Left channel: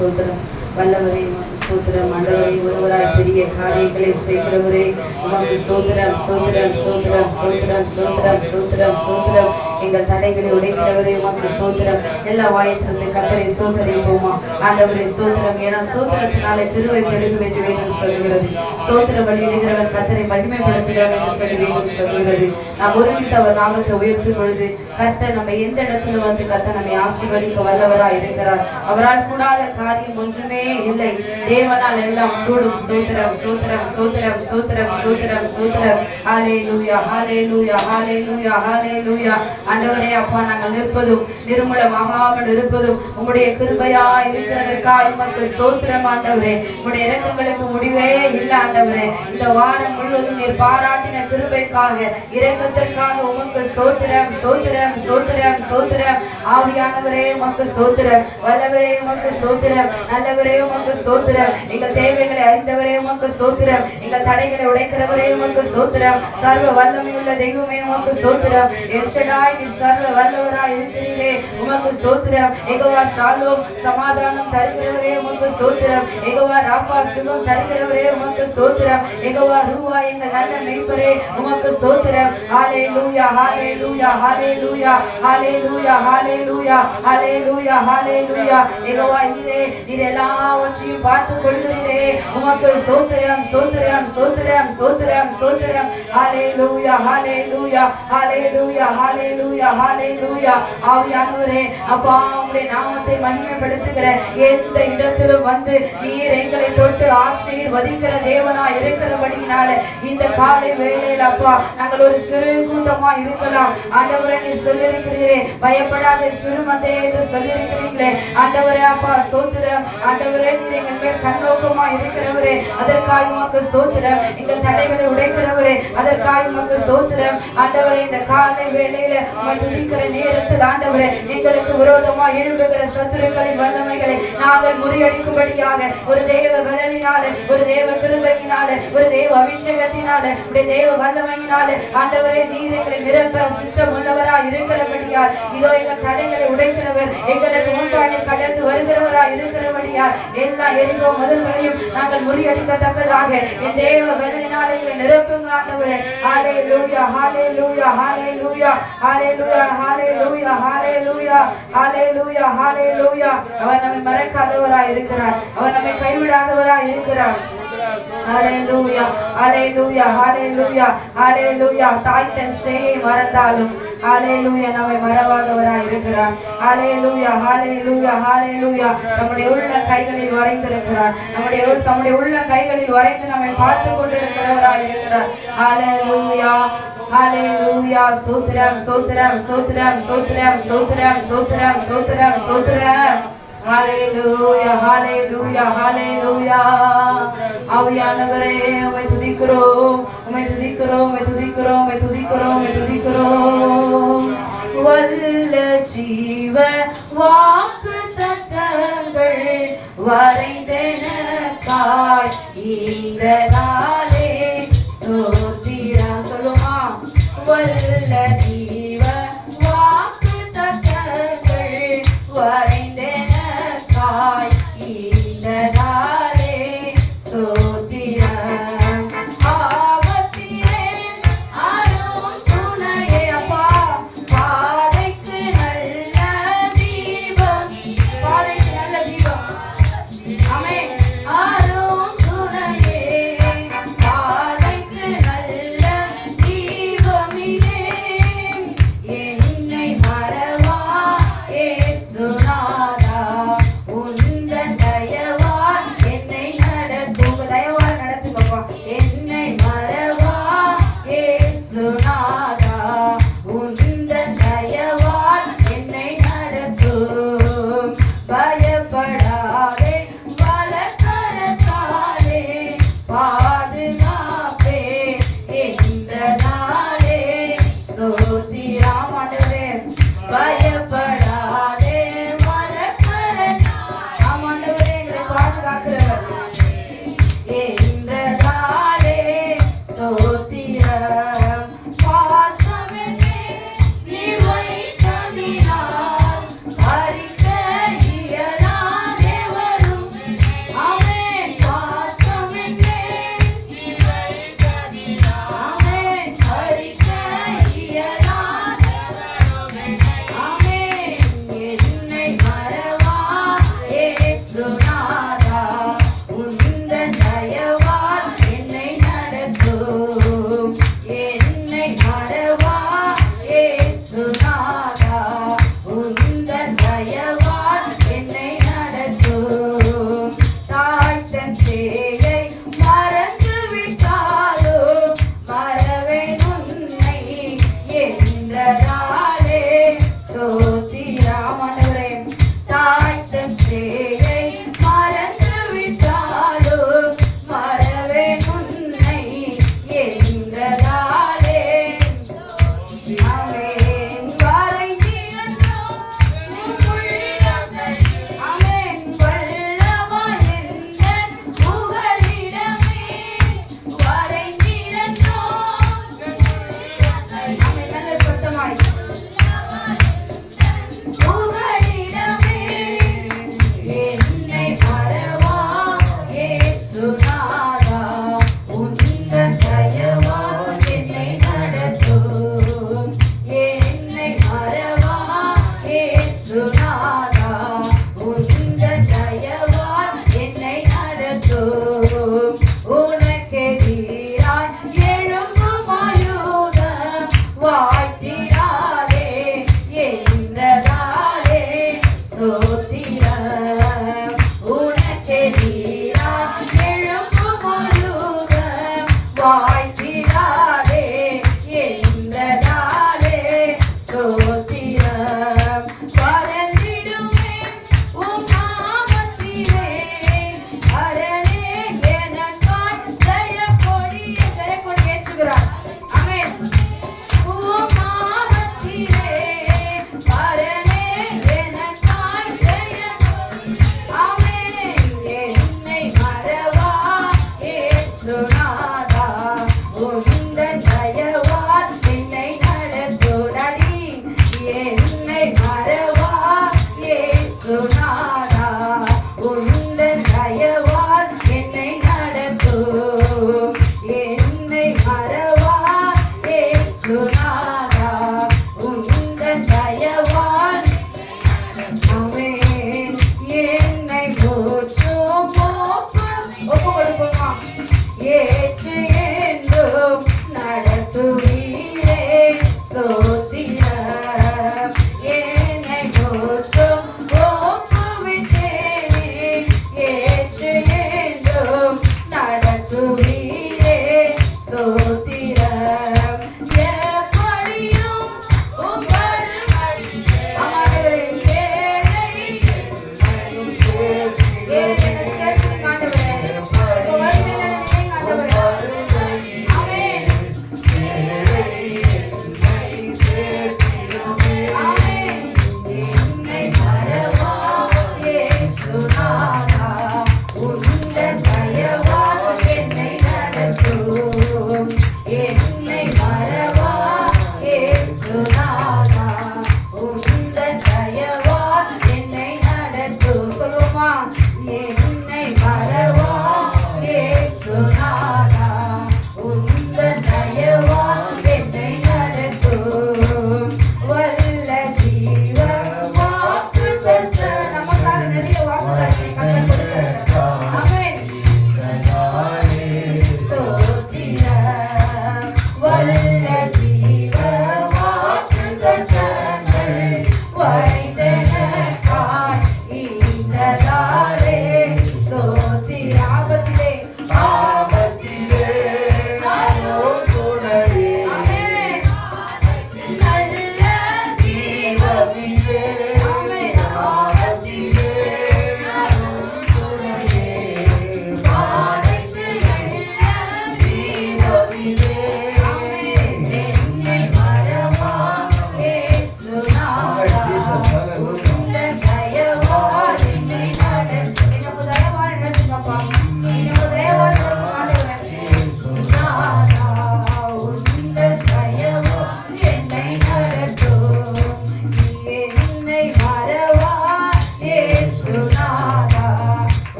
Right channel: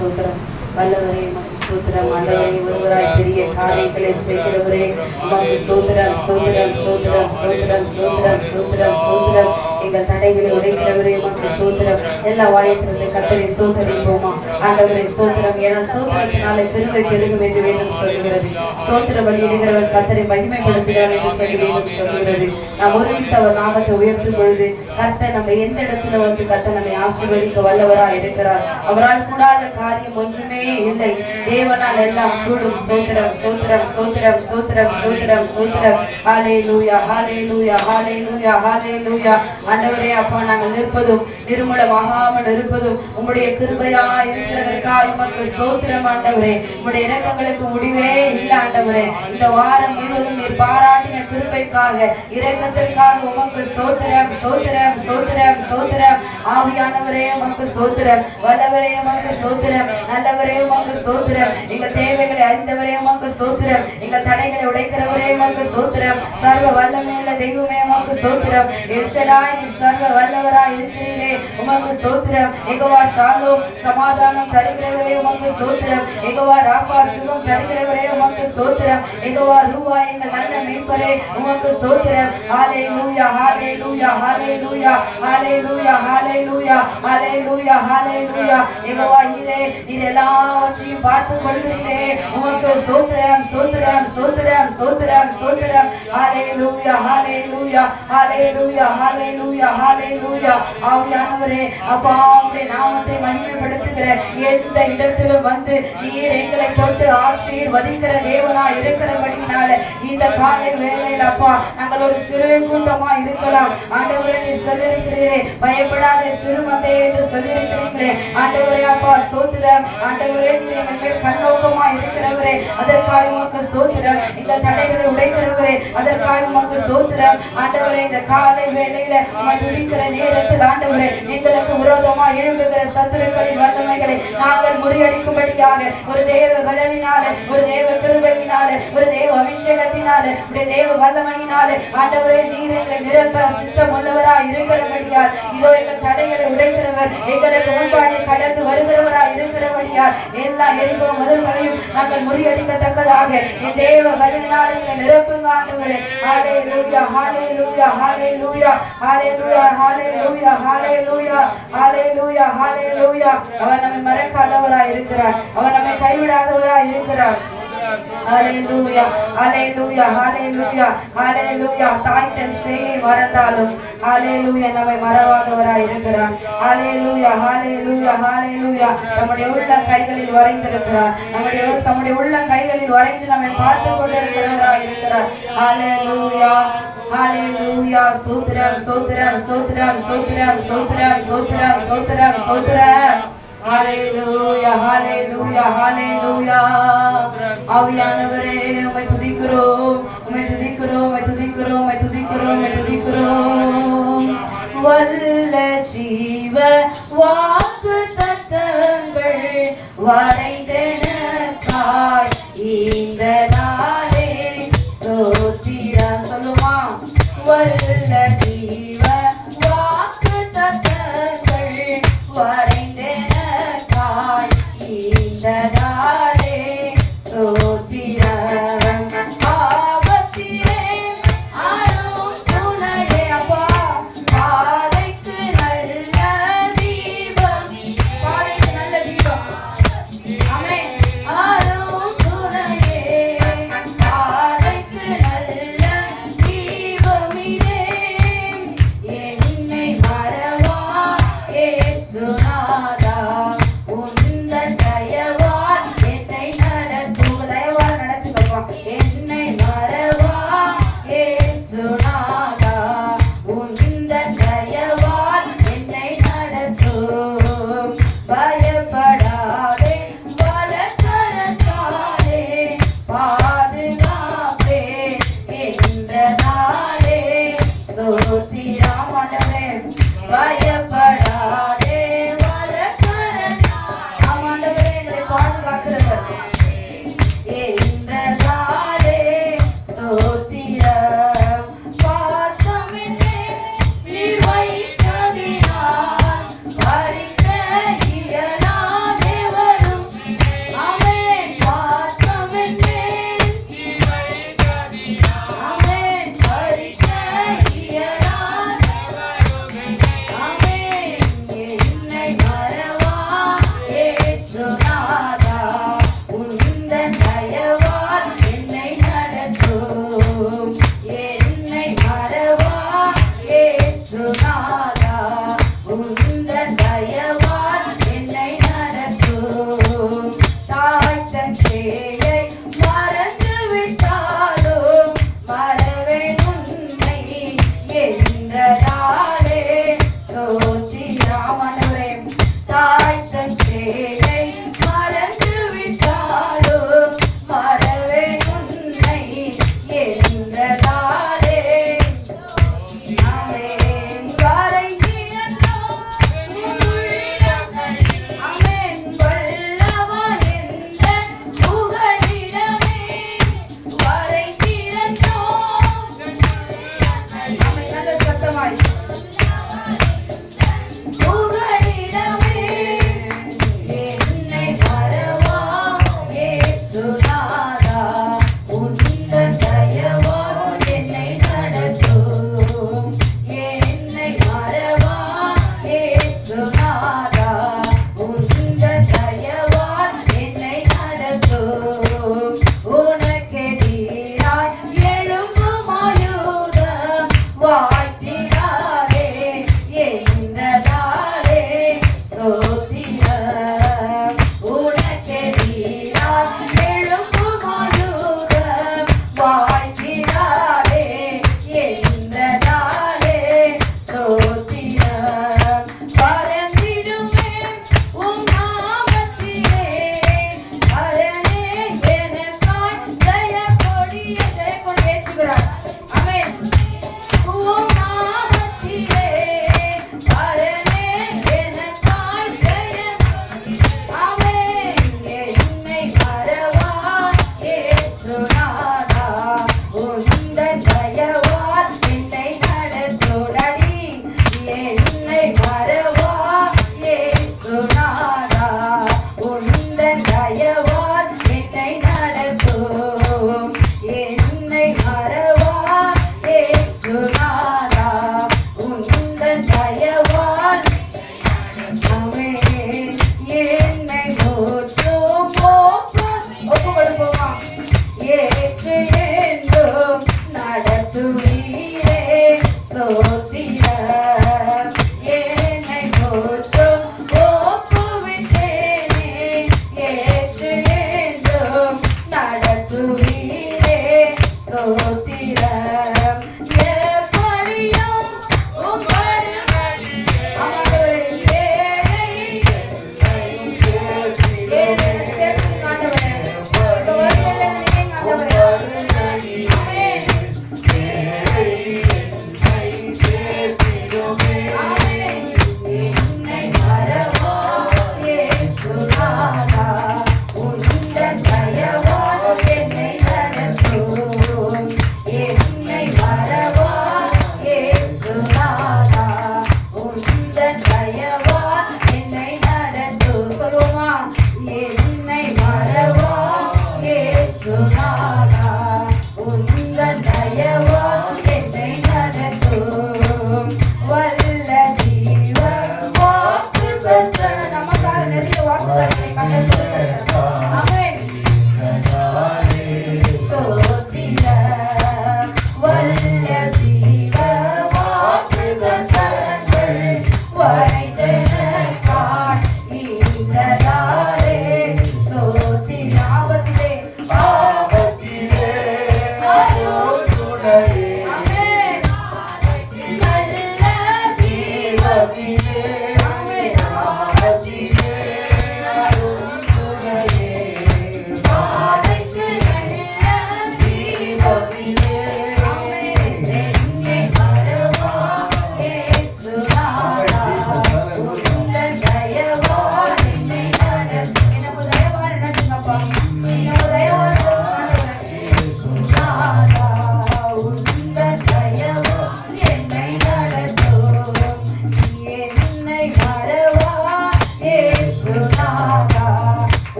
ஸ்தோத்திரம். வல்லவரே உமக்கு ஸ்தோத்திரம். ஆண்டவரே ஒருவராய் பெரிய காரியங்களை செய்கிறவரே உமக்கு ஸ்தோத்திரம் ஸ்தோத்திரம் ஸ்தோத்திரம் ஸ்தோத்திரம் ஸ்தோத்திரம் ஸ்தோத்திரம் ஸ்தோத்திரம். எங்கள் தடைகளை உடைக்கிறவரே உமக்கு ஸ்தோத்திரம். எல்லா வாயத்திலிருந்து கர்த்தரை ஸ்தோத்திரிப்போமா. ஆண்டவரே ஸ்தோத்திரம். ஏன்னா ஸ்தோத்திரத்தினாலே கிருபை பெருகும் என்று வேதம் சொல்கிறது. ஸ்தோத்திர பலியிடுகிறவர் கர்த்தரை மகிமைப்படுத்துகிறார் என்று சொல்லி வேதம் சொல்கிறது. நாம் ஒருமித்து அவர் நாமத்தை உயர்த்தும் பொழுது கர்த்தர் நம்ம எந்த இடத்துல வந்து கர்த்தர் நம்மை ஆசீர்வதிக்க வல்லவராய் இருக்கிறார். அவரால் கூடாத காரியம் ஒன்றுமே இல்லை. தேவனால் எல்லாம் கூடும். ஸ்தோத்திரம் ஸ்தோத்திரம் ஸ்தோத்திரம் ஸ்தோத்திரம் ஸ்தோத்திரம் ஸ்தோத்திரம். ஹல்லேலூயா ஹல்லேலூயா ஹல்லேலூயா ஹல்லேலூயா. ஆண்டவரே அப்பா, நாங்கள் நிற்பதும் நிர்மூலமாகாமல் இருப்பதும் உம்முடைய கிருபையா இருக்கிறதற்காக உமக்கு ஸ்தோத்திரம். ஆண்டவரே உம்முடைய இரக்கங்களுக்கு முடிவே இல்லை. ஆண்டவரே இந்த வாரம் முழுவதும் நீர் பாராட்டின கிருபைக்காக இரக்கத்திற்காக உமக்கு ஸ்தோத்திரம் ஸ்தோத்திரம் ஸ்தோத்திரம் ஸ்தோத்திரம். ஆவியானவரே உமக்கு ஸ்தோத்திரம். வல்லவரே உமக்கு ஸ்தோத்திரம். நல்லவரே உமக்கு ஸ்தோத்திரம். எங்கள் தேவைகளை அறிந்தவரே உமக்கு ஸ்தோத்திரம். எங்கள் தடைகளை உடைக்கிறவரே உமக்கு ஸ்தோத்திரம். சர்வ வல்லமையுள்ள தெய்வமே உமக்கு ஸ்தோத்திரம். எல்ஷடாய் நீ சர்வ வல்லவராய் இருக்கிறீரே உமக்கு ஸ்தோத்திரம். யெகோவா ஷாலோம் சமாதானம் தருகிறவரே உமக்கு ஸ்தோத்திரம். யெகோவா ராபா சுகம் தருகிறவரே உமக்கு ஸ்தோத்திரம். யெகோவா ரூவா எங்கள் நல்ல மேய்ப்பரே உமக்கு ஸ்தோத்திரம். ஹல்லேலூயா ஹல்லேலூயா ஹல்லேலூயா ஹல்லேலூயா ஹல்லேலூயா ஹல்லேலூயா ஹல்லேலூயா. யெகோவா ஈரே நீர் எல்லாவற்றையும் பார்த்து கொள்கிறீரே உமக்கு ஸ்தோத்திரம் ஸ்தோத்திரம் ஸ்தோத்திரம் ஸ்தோத்திரம் ஸ்தோத்திரம். ஹல்லேலூயா ஹல்லேலூயா ஹல்லேலூயா ஹல்லேலூயா ஹல்லேலூயா. ஆவியானவரே அப்பா, உம்முடைய நாமத்தை மகிமைப்படுத்துகிற எந்த இடத்திலும் வந்து நீர் எங்களை தொட்டு ஆசீர்வதிக்கிற தேவனாய் இருக்கிறபடியினால இந்த காலை வேளையில் அப்பா நாங்கள் ஒரு சிறு கூட்டமா இருக்கலாம். ஆண்டவரே நீர் சொல்லியிருக்கிறீரே பயப்படாத சிறுமந்தை என்று சொல்லியிருக்கிறீங்களே. ஆண்டவரே அப்பா ஸ்தோத்திரம். ஆண்டவரே நீர் எங்கள் மேல் கண்ணோக்கமா இருக்கிறவரே அதற்காக உமக்கு ஸ்தோத்திரம். எங்கள் தடைகளை உடைக்கிறவரே அதற்காக உமக்கு ஸ்தோத்திரம். ஆண்டவரே இந்த காலை வேளையில உம்மை துதிக்கிற நேரத்தில் ஆண்டவரே எங்களுக்கு விரோதமா எழும்புகிற சத்துருக்களின் வல்லமைகளை நாங்கள் முறியடிக்கும்படியாக ஒரு தேவ பலனினால ஒரு தேவ கிருபையினால ஒரு தேவ அபிஷேகத்தினால ஒரு தேவ வல்லமையினால ஆண்டவரே நீர் எங்களை நிரப்ப சித்தம் உள்ளவராய் இருக்கிறபடியால் இதோ எங்கள் தடைகளை உடைக்கிறவர் எங்களுக்கு முன்பாடி கடந்து வருகிறவராய் இருக்கிறபடியால் எல்லா எரிவோ முதல்களையும் நாங்கள் முறியடிக்கத்தக்கதாக என் தேவ பலனினால எங்களை நிரப்புங்க ஆண்டவரே. ஹல்லேலூயா ஹல்லேலூயா ஹல்லேலூயா ஹல்லேலூயா ஹல்லேலூயா ஹல்லேலூயா ஹல்லேலூயா ஹல்லேலூயா. அவர் நம்மை மறக்காதவராய் இருக்கிறார். அவர் நம்மை கைவிடாதவராய் இருக்கிறார். ஹல்லேலூயா ஹல்லேலூயா ஹல்லேலூயா ஹல்லேலூயா. தாய் தன் சேயை மறந்தாலும் ஹல்லேலூயா நம்மை மறவாதவராய் இருக்கிறார். ஹல்லேலூயா ஹல்லேலூயா ஹல்லேலூயா. நம்முடைய உள்ள கைகளில் வரைந்திருக்கிறார். நம்முடைய உள்ள கைகளில் வரைந்து நம்மை பார்த்து கொண்டிருக்கிறவராய் இருக்கிறார். ஹல்லேலூயா ஹல்லேலூயா. ஸ்தோத்திரம் ஸ்தோத்திரம் ஸ்தோத்திரம் ஸ்தோத்திரம் ஸ்தோத்திரம் ஸ்தோத்திரம் ஸ்தோத்திரம் ஸ்தோத்திரம். ஹல்லேலூயா ஹல்லேலூயா ஹல்லேலூயா. ஆவியானவரே உம்மை துதிக்கிறோம் உம்மை துதிக்கிறோம் உம்மை துதிக்கிறோம் உம்மை துதிக்கிறோம் உம்மை துதிக்கிறோம். வல்ல ஜீவ வாக்குத்தத்தங்கள் வரைந்தெனக்காய் இந்த நாளே ஸ்தோத்திரம். சொல்லுமா. வல்ல ஜீவ வாக்குத்தத்தங்கள் வரைந்தெனக்காய் இந்த நாளே ஸ்தோத்திரம். ஆபத்திலே அரும் துணையே அப்பா, பாதைக்கு நல்ல தீபம். பாதைக்கு நல்ல தீபம். ஆமென். அரும் துணையே பாதைக்கு நல்ல தீபம் இதே. என்னை மறவா இயேசுநாதா, உந்தன் தயவால் என்னை நடத்து. உங்க தயவால் நடத்துங்கப்பா. என்னை மறவா இயேசுநாதா, உந்தன் தயவால் என்னை நடத்தும். பயப்படாதே பலகரத்தாலே பாதுகாப்பே என்ற நாளே ஸ்தோத்திரம். ஆண்டவரே பயப்படாதே பலகரத்தாலே. ஆண்டவரே எங்களை பாதுகாக்கிறவர் என்ற நாளே ஸ்தோத்திரம். பாசமில்லை நீ வைத்ததினால் பறிக்க இயலாதே வரும்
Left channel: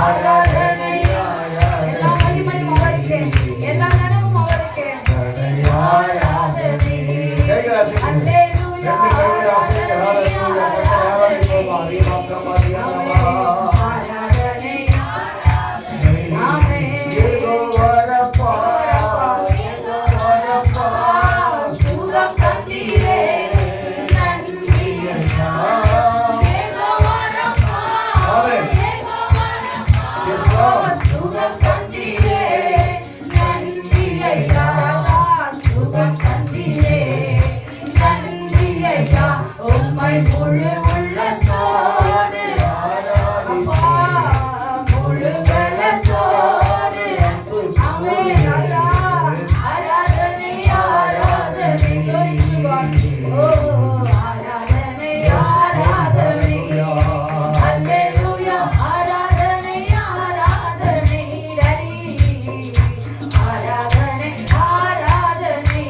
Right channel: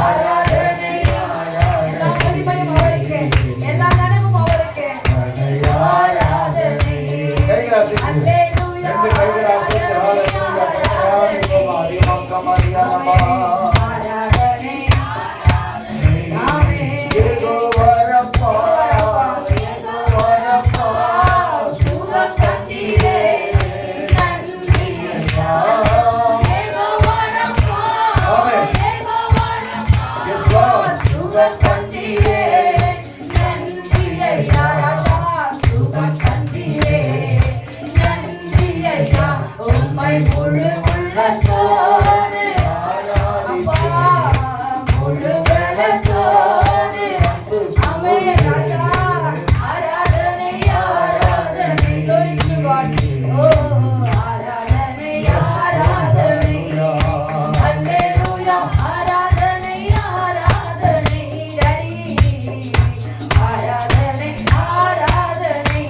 ஆராதனை எல்லா மகிமையும் அவருக்கே, எல்லா கனமும் அவருக்கே. ஆராதனை அல்லேலூயா முழு உள்ளத்தோடு அப்பா முழு பலத்தோடு ஆமென் ராஜா ஆராதனை ஆராதனை ஓ ஆராதனை ஆராதனை அல்லேலூயா ஆராதனை ஆராதனை ஆராதனை ஆராதனை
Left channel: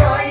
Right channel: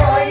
Bye.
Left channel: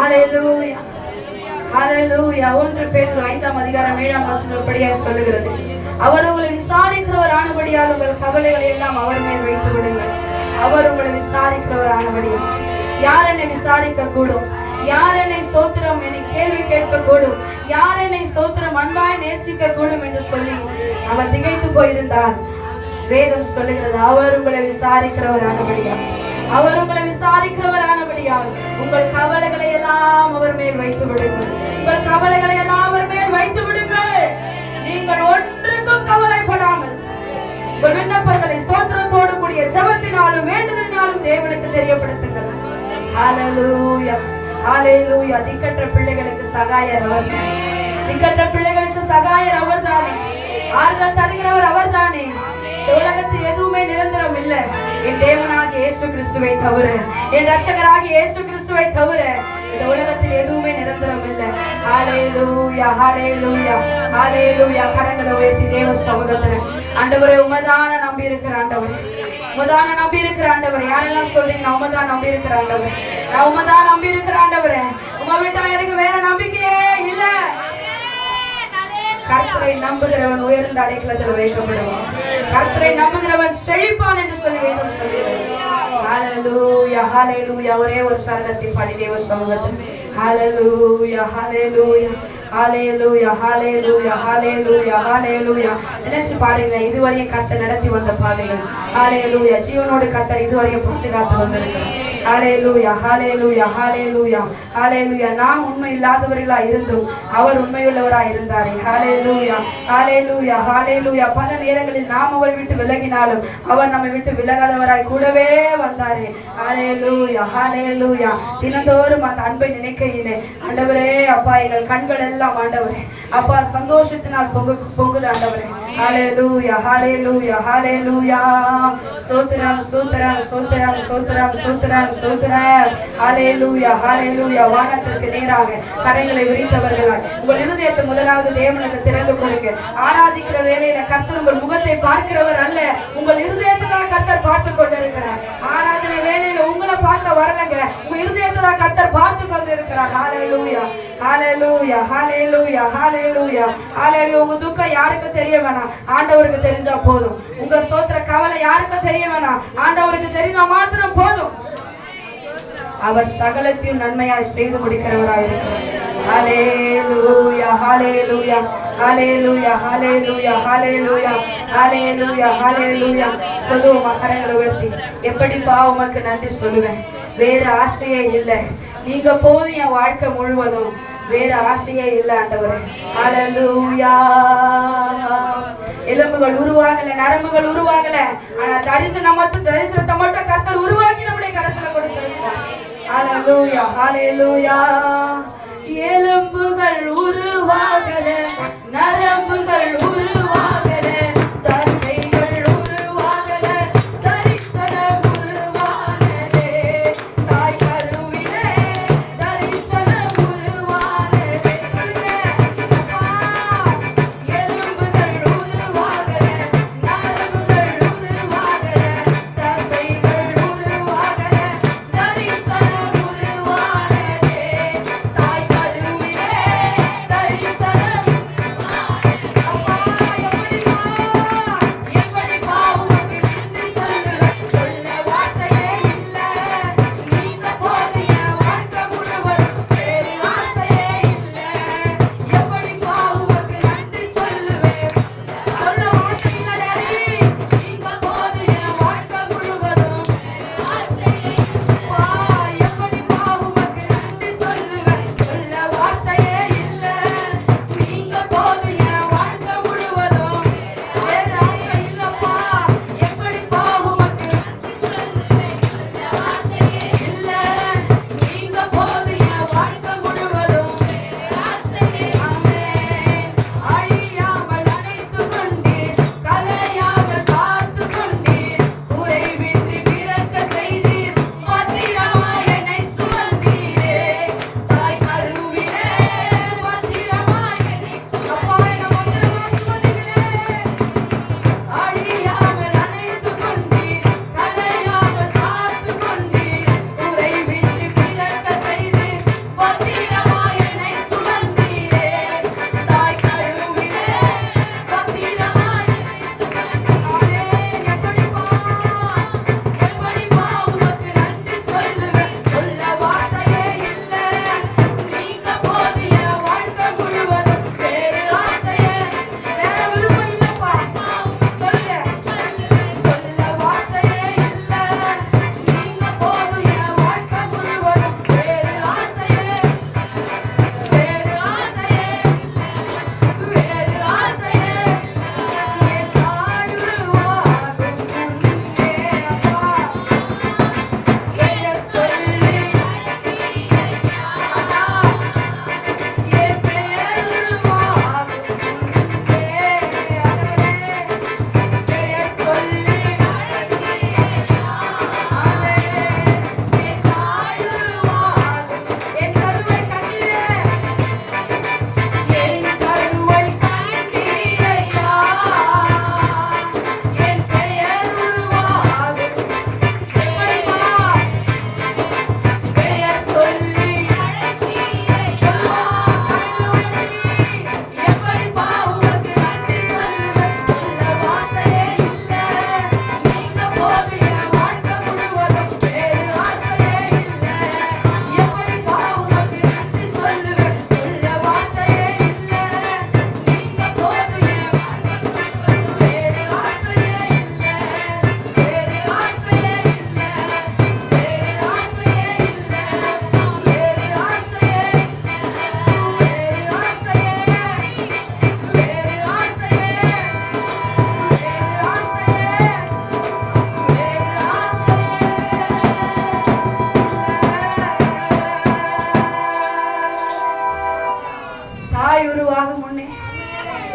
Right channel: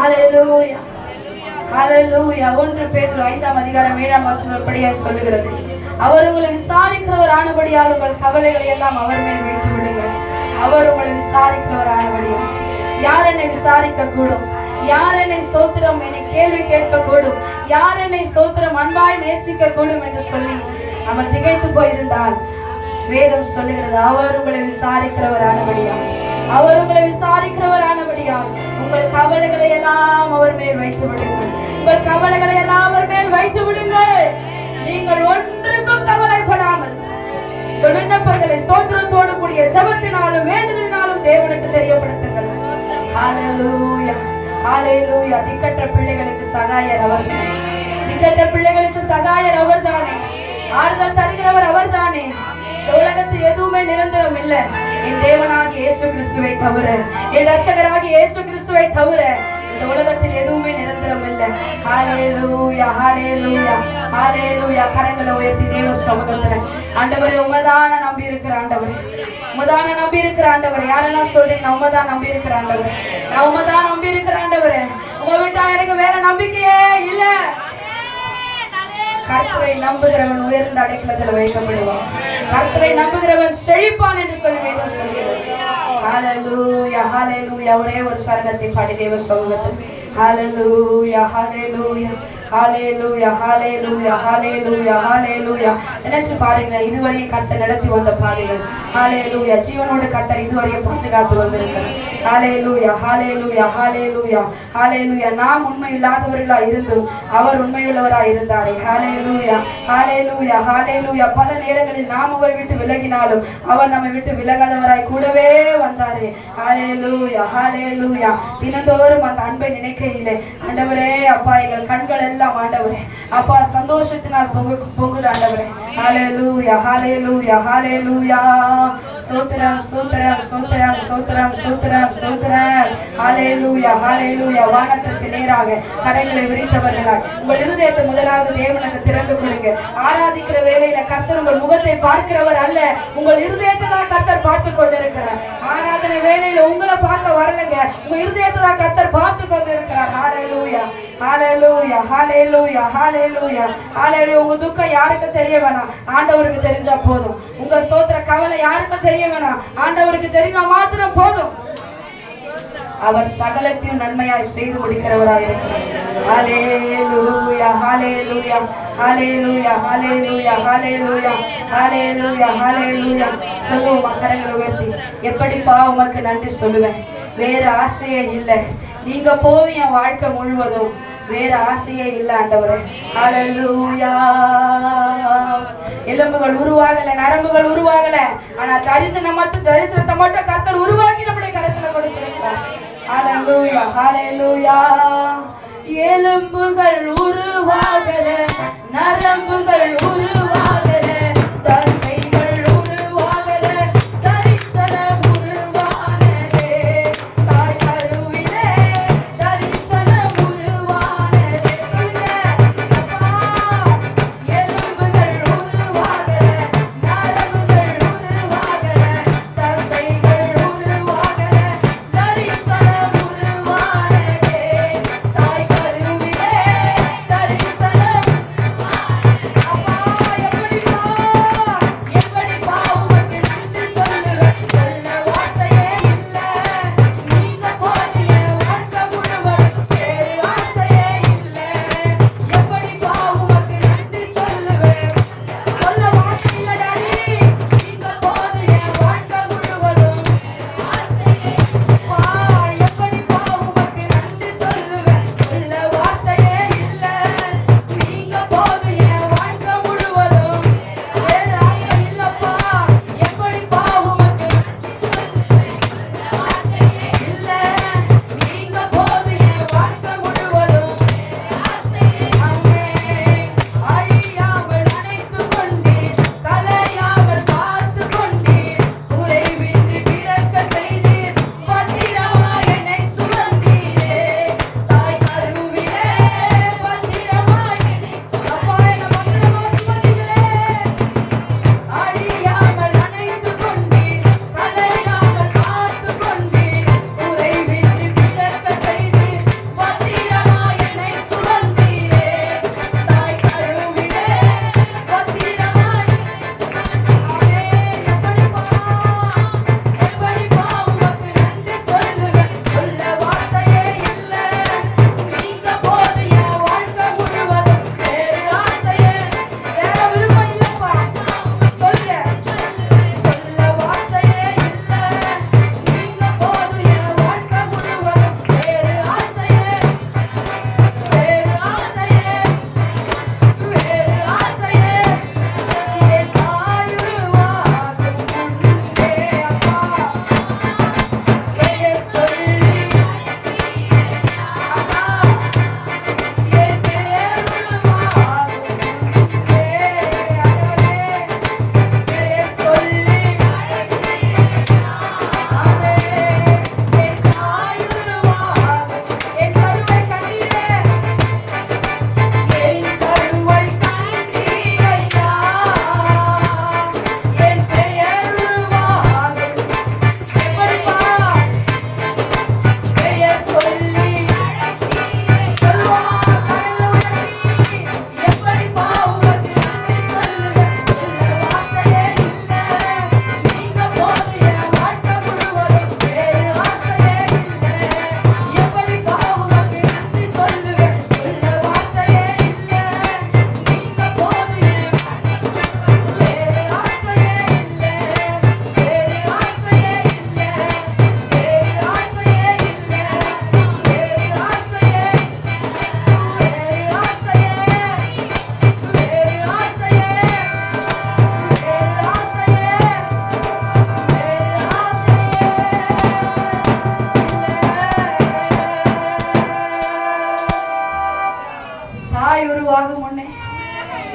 ஹalleluya ஹalleluya. 1 பேதுரு 5ஆம் அதிகாரம் 7ஆம் வசனம் இப்படியாக சொல்லுகிறது, அவர் உங்களை விசாரிக்கிறவர் ஆனபடியால் உங்கள் கவலைகளை எல்லாம் அவர் மேல் வைத்து விடுங்கள். அவர் உங்களை விசாரிக்கிறவர் ஆனபடியால். யார் என்னை விசாரிக்க கூடும்? யார் என்னை ஸ்தோத்திரம் என்னை கேள்வி கேட்க கூடும்? யார் என்னை ஸ்தோத்திரம் அன்பாய் நேசிக்க கூடும் என்று சொல்லி அவர் திகைத்து போயிருந்தார். வேதம் சொல்லுகிறது, அவர் உங்களை விசாரிக்கிறவர் ஆனபடியால், அவர் உங்களை விசாரிக்கிறவர் ஆனபடியால் உங்கள் கவலைகளை எல்லாம் அவர் மேல் வைத்து விடுங்கள். உங்கள் கவலைகளை எல்லாம் அவர் மேல் வைத்து விடுங்கள். நீங்கள் ஒன்றுக்கும் கவலைப்படாமல் விண்ணப்பங்களை ஸ்தோத்திரத்தோடு கூடிய ஜெபத்தினாலும் வேண்டுதலினாலும் தேவனுக்கு தெரியப்படுத்துங்கள். ஹalleluya ஹalleluya. திக்கற்ற பிள்ளைகளுக்கு சகாயர் அவர். திக்கற்ற பிள்ளைகளுக்கு சகாயர் அவர் தானே. ஆறுதல் தருகிறவர் அவர் தானே. உலகத்தில் எதுவுமே நிரந்தரம் இல்லை. என் தேவனாகிய இயேசு கிறிஸ்துவை தவிர, என் ரட்சகராகிய இயேசு கிறிஸ்துவை தவிர இந்த உலகத்தில் எதுவுமே நிரந்தரம் இல்லை. ஹalleluya ஹalleluya ஹalleluya. கரங்களை உயர்த்தி தேவ சமூகத்துல ஆண்டவரே உமதான நம்பி இருக்கிற ஆண்டவரே, உமதான நம்பி இருக்கிற ஆண்டவரே. யாரெல்லாம் சொல்றீங்க நான் உமதான் நம்பி இருக்கிற ஆண்டவரே, நான் உமதான் நம்பி இருக்கிற ஆண்டவரே. உங்க விட்டா எனக்கு வேற நம்பிக்கையே இல்ல. கர்த்தரை நம்புகிறவன் உயர்ந்த அடைக்கலத்தில் வைக்கப்படுவான். கர்த்தரை நம்புகிறவன் செழிப்பான் என்று சொல்லி வேதம் சொல்கிறது. ஹalleluya ஹalleluya. ஒரே ஒரு சரணத்தை பாடி தேவ சமூகத்தில் ஹalleluya ஹalleluya ஹalleluya ஹalleluya ஹalleluya ஹalleluya. நினைச்சு பாருங்க, இதுவரையும் கர்த்தர் நடத்தி வந்த பாதைகள். ஹalleluya. ஜீவனோடு கர்த்தர் இதுவரையும் பாதுகாத்து வந்திருக்கிறார். ஹalleluya ஹalleluya ஹalleluya ஹalleluya. நாம் உண்மை இல்லாதவர்களா இருந்தும் அவர் உண்மையுள்ளவராய் இருந்தாரே. ஹalleluya ஹalleluya ஹalleluya. பல நேரங்களில் நாம் அவரை விட்டு விலகினாலும் அவர் நம்மை விட்டு விலகாதவராய் கூடவே வந்தாரே. ஹalleluya ஹalleluya. தினந்தோறும் அந்த அன்பை நினைக்கையிலே ஆண்டவரே அப்பா எங்கள் கண்கள் எல்லாம் ஆண்டவரே அப்பா சந்தோஷத்தினால் பொங்குது ஆண்டவரே. ஹalleluya ஹalleluya ஹalleluya. ஸ்தோத்திரம் ஸ்தோத்திரம் ஸ்தோத்திரம் ஸ்தோத்திரம் ஸ்தோத்திரம் ஸ்தோத்திரம். ஹalleluya ஹalleluya. வானத்திற்கு நேராக கரங்களை விரித்தவர்களாய் உங்கள் இருதயத்தை முதலாவது தேவனுக்கு திறந்து கொடுங்க. ஆராதிக்கிற வேளையில கர்த்தர் உங்கள் முகத்தை பார்க்கிறவர் அல்ல, உங்கள் இருதயத்தை தான் கர்த்தர் பார்த்து கொண்டிருக்கிறார். ஆராதனை வேளையில உங்களை பார்க்க வரலங்க, உங்க இருதயத்தை தான் கர்த்தர் பார்த்து கொண்டிருக்கிறார். ஹalleluya ஹalleluya ஹalleluya ஹalleluya ஹalleluya. உங்க துக்கம் யாருக்கு தெரிய வேணாம், ஆண்டவருக்கு தெரிஞ்சா போதும். உங்க ஸ்தோத்திர கவலை யாருக்கு தெரிய வேணாம், ஆண்டவருக்கு தெரிஞ்சா மாத்திரம் போதும். அவர் சகலத்தையும் நன்மையாய் செய்து முடிக்கிறவராய் இருக்கிறார். ஹalleluya ஹalleluya ஹalleluya ஹalleluya ஹalleluya ஹalleluya ஹalleluya. சொல்லுவோம் கரங்களை உயர்த்தி, எப்படிப்பா உமக்கு நன்றி சொல்லுவேன். வேற ஆசையே இல்லை, நீங்க போதும் என் வாழ்க்கை முழுவதும். வேற ஆசையே இல்லை ஆண்டவரே. ஹalleluya. எலும்புகள் உருவாகல, நரம்புகள் உருவாகல, ஆனா தரிசனத்தை மட்டும் கர்த்தர் உருவாக்கி நம்முடைய கரத்துல கொடுத்திருக்கிறார். ஹalleluya ஹalleluya. எலும்புகள் உருவாகல, நரம்புகள் உருவாகல, தசைகள் உருவாகல, தரிசனம் உருவானதே. தாய் கருவிலே தரிசனம் உருவானதே. எலும்புகள் உருவாகல, நரம்புகள் உருவாகல, தசைகள் உருவாகல, தரிசனம் உருவானதே. தாய் கருவிலே தரிசனம் உருவானதே.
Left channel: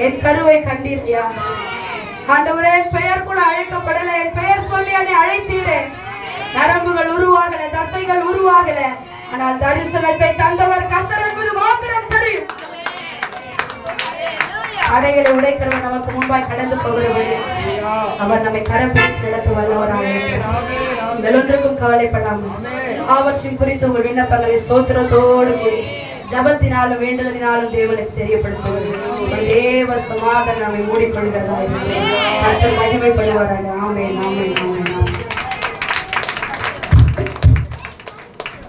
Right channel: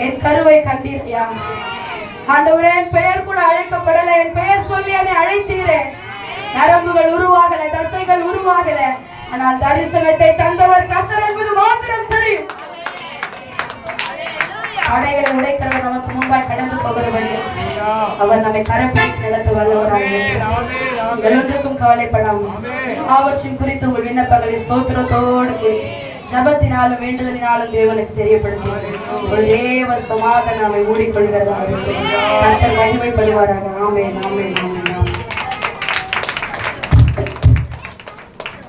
என் கருவை கண்டீர்யா ஆண்டவரே. என் பெயர் கூட அழைக்கப்படல, என் பெயர் சொல்லி என்னை அழைத்தீரே. நரம்புகள் உருவாகல, தசைகள் உருவாகல, ஆனால் தரிசனத்தை தந்தவர் கர்த்தர் என்பது மாத்திரம் தெரியும். அடைகளை உடைக்கிறவர் நமக்கு முன்பாய் கடந்து போகிறவர். அவர் நம்மை கரப்பிடித்து நடத்த வல்லவராக. ஒன்றுக்கும் கவலைப்படாமல் அவற்றின் குறித்து உங்கள் விண்ணப்பங்களை ஸ்தோத்திரத்தோடு கூடி ஜபத்தினாலும் வேண்டுதலினாலும் தேவனுக்கு தெரியப்படுத்துவது உங்கள் தேவ சமாதானம் நம்மை மூடிக்கொள்கிறதா. மகிமைப்படுவாராக. ஆமென், ஆமென், ஆமென்.